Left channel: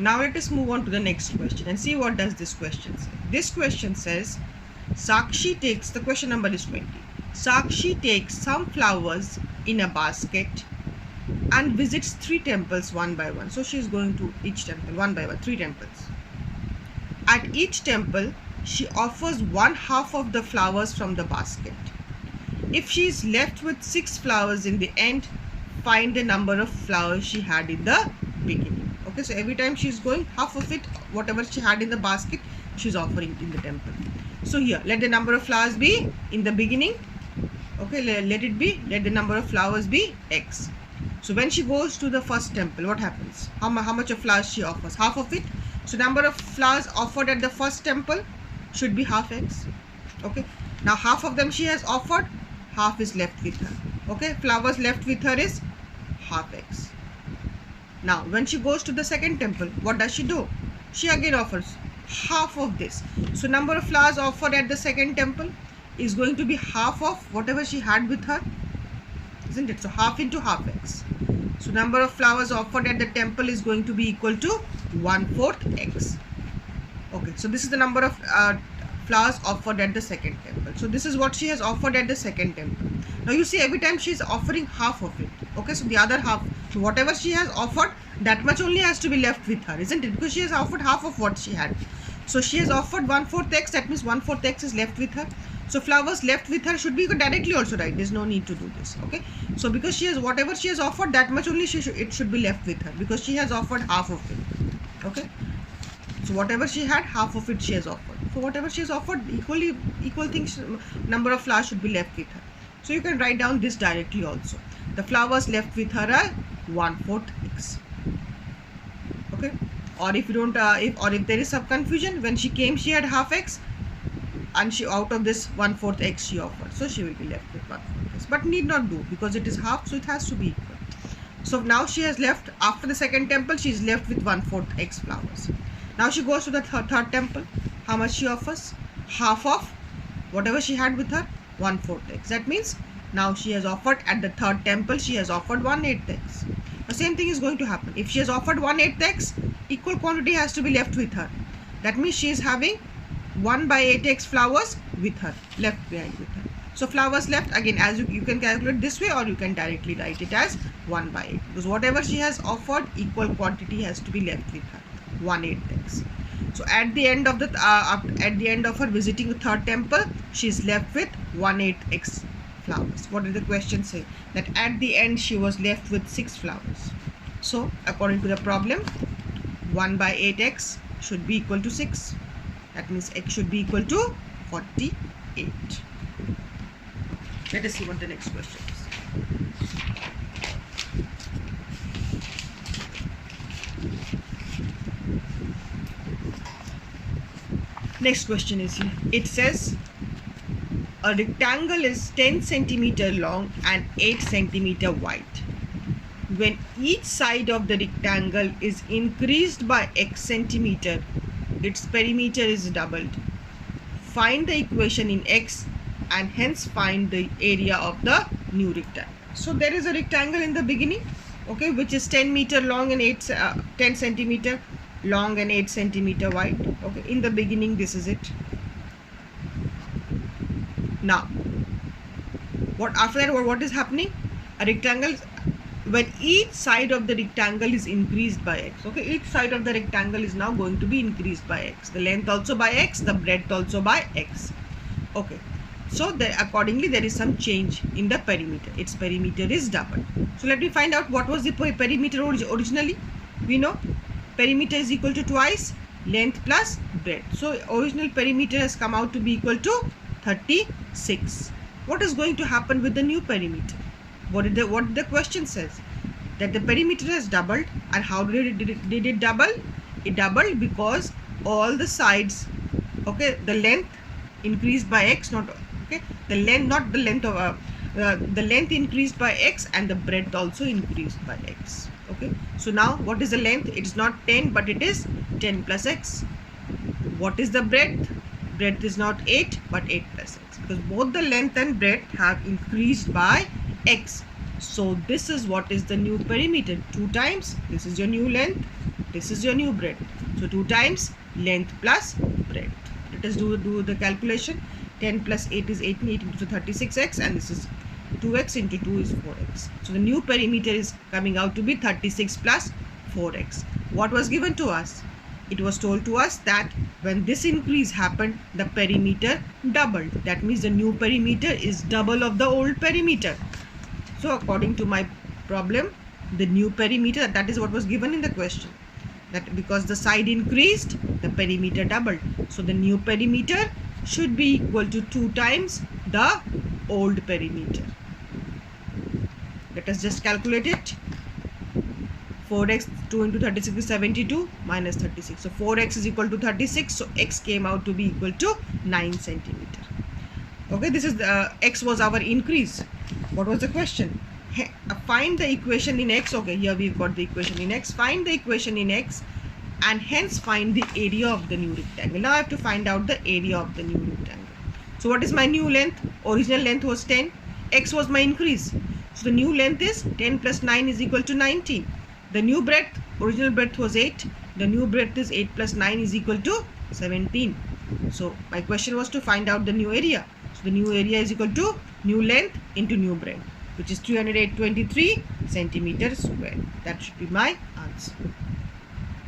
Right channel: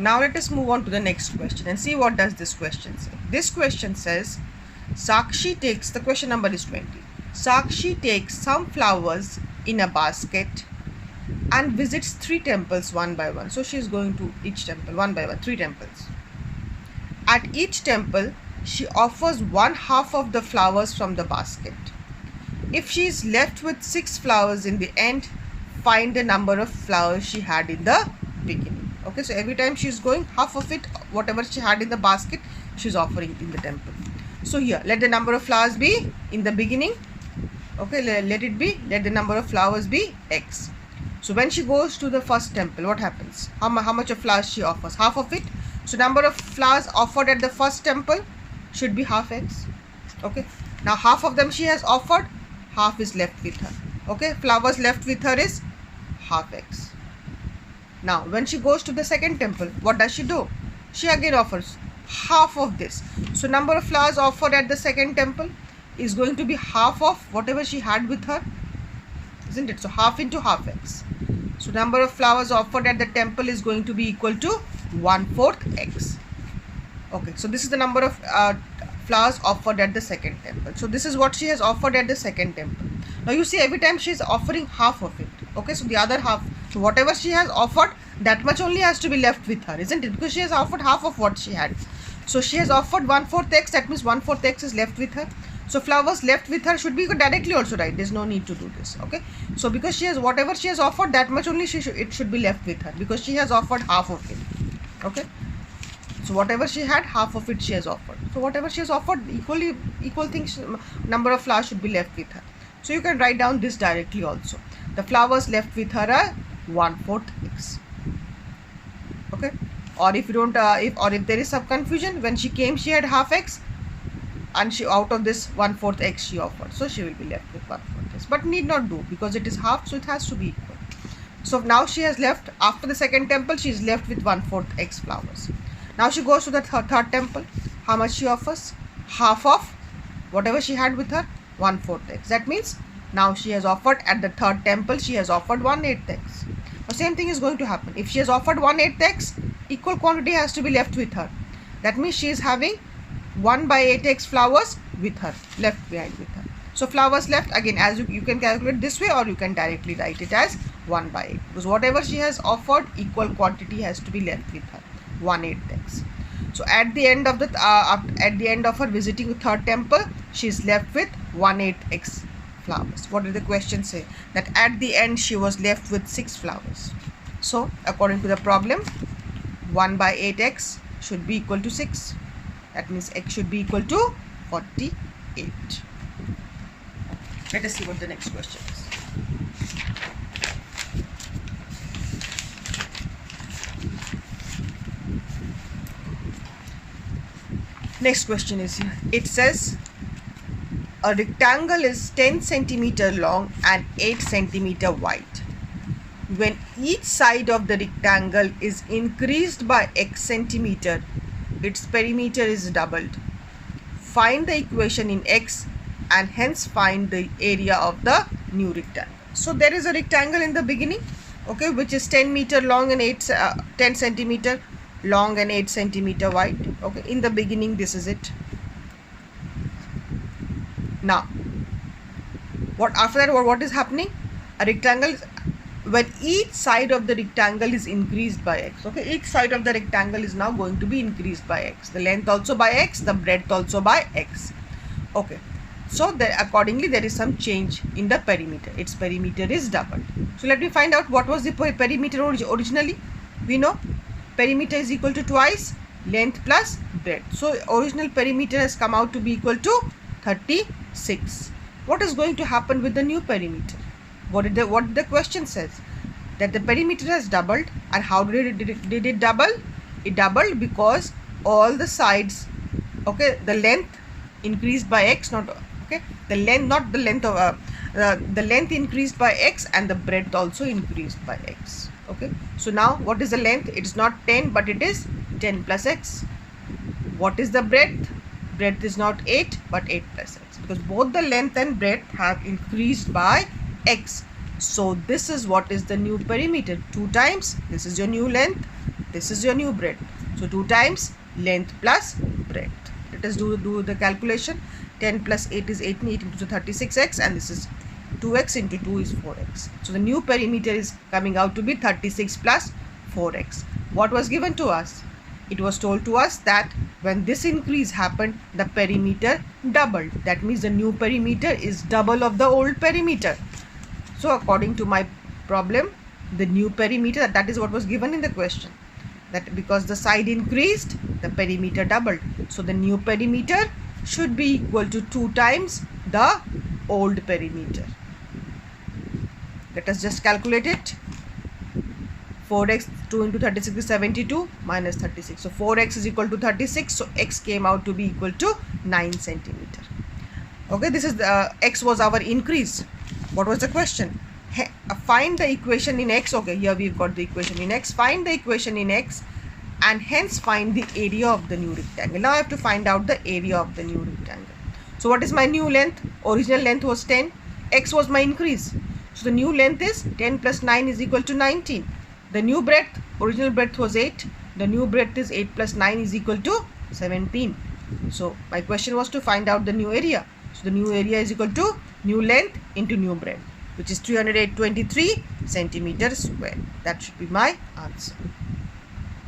Now let us move on to the next question and see what does this question say. This question says, Sakshi takes, the question number is 20. Sakshi takes some flowers in a basket and visits 3 temples one by one. So she is going to each temple one by one, 3 temples. At each temple, she offers 1/2 of the flowers from the basket. If she is left with 6 flowers in the end, find the number of flowers she had in the beginning. Okay, so every time she is going, half of it, whatever she had in the basket, she is offering in the temple. So here, let the number of flowers be in the beginning. Okay, let the number of flowers be X. So when she goes to the first temple, what happens? How much of flowers she offers? Half of it. So number of flowers offered at the first temple should be half X. Okay, now half of them she has offered, half is left with her. Okay, flowers left with her is half X. Now when she goes to the second temple, what does she do? She again offers half of this. So number of flowers offered at the second temple is going to be half of whatever she had with her, isn't it? So half into half X. So number of flowers offered at the temple is going to be equal to 1/4 X. Okay, so this is the number of flowers offered at the second temple. So this is what she has offered at the second temple. Now you see, every time she is offering half of it. Okay, so the other half, so whatever she has offered, that much only has to be left with her, isn't it? Because she has offered half of what she had. So she has offered 1/4 X, that means 1/4 X is left with her. So flowers left with her should be directly also right. There's no need to do this. Okay, so because she has, whatever she has offered, that much only it should be left with her, because she has offered half of it. Okay, so whatever she had, half of it she has offered. So whatever she has offered, equal things, number of flowers should be left with her. So you can write down this directly also. The flowers left with her are 1/4 X. Okay, or if you don't, if there is some confusion, when she came she had half X, and she, out of this 1/4 X she offered, so she will be left with 1/4 X. But need not do, because it is half, so it has to be equal. So now she has left, after the second temple, she is left with 1/4 X flowers. Now she goes to the third temple. How much she offers? Half of whatever she had with her, 1/4 X. That means now she has offered at the third temple, she has offered 1/8 X. The same thing is going to happen. If she has offered 1/8 X, equal quantity has to be left with her. That means she is having 1/8 X flowers with her, left behind with her. So flowers left, again, as you can calculate this way, or you can directly write it as 1/8, because whatever she has offered, equal quantity has to be left with her, 1/8 X. So at the end of her visiting the third temple, she is left with 1/8 X flowers. What did the question say? That at the end she was left with 6 flowers. So according to the problem, 1/8 X should be equal to 6. That means X should be equal to 48. Let us see what the next question is. Next question is here. It says a rectangle is 10 centimeter long and 8 centimeter wide. When each side of the rectangle is increased by X centimeter, its perimeter is doubled. Find the equation in X and hence find the area of the new rectangle. So there is a rectangle in the beginning, okay, which is 10 meter long and 10 centimeter long and 8 centimeter wide. Okay, in the beginning this is it. Now what is happening? A rectangle, when each side of the rectangle is increased by X, okay, each side of the rectangle is now going to be increased by X, the length also by X, the breadth also by X. Okay, so accordingly there is some change in the perimeter. Its perimeter is doubled. So let me find out what was the perimeter originally. We know perimeter is equal to twice length plus breadth. So original perimeter has come out to be equal to 36. What is going to happen with the new perimeter? What the question says? That the perimeter has doubled. And how did it double? It doubled because all the sides, okay, the length increased by X, not okay, the length, not the length of the length increased by X, and the breadth also increased by X. Okay, so now what is the length? It is not 10, but it is 10 plus X. What is the breadth? Breadth is not 8, but 8 plus X, because both the length and breadth have increased by X. So this is what is the new perimeter. 2 times, this is your new length, this is your new breadth. So 2 times length plus breadth. Let us do the calculation. 10 plus 8 is 18, 8 into 36x, and this is 2x into 2 is 4x. So the new perimeter is coming out to be 36 plus 4x. What was given to us? It was told to us that when this increase happened, the perimeter doubled. That means the new perimeter is double of the old perimeter. So according to my problem, the new perimeter, that is what was given in the question. That because the side increased, the perimeter doubled. So the new perimeter should be equal to 2 times the old perimeter. Let us just calculate it. 4x, 2 into 36 is 72 minus 36. So 4x is equal to 36. So x came out to be equal to 9 centimeter. Okay, this is the x was our increase. What was the question? Find the equation in x. Okay, here we've got the equation in x. Find the equation in x and hence find the area of the new rectangle. Now I have to find out the area of the new rectangle. So what is my new length? Original length was 10. X was my increase. So the new length is 10 plus 9 is equal to 19. The new breadth, original breadth was 8. The new breadth is 8 plus 9 is equal to 17. So my question was to find out the new area. So the new area is equal to new length into new breadth, which is 323 centimeters square. That should be my answer.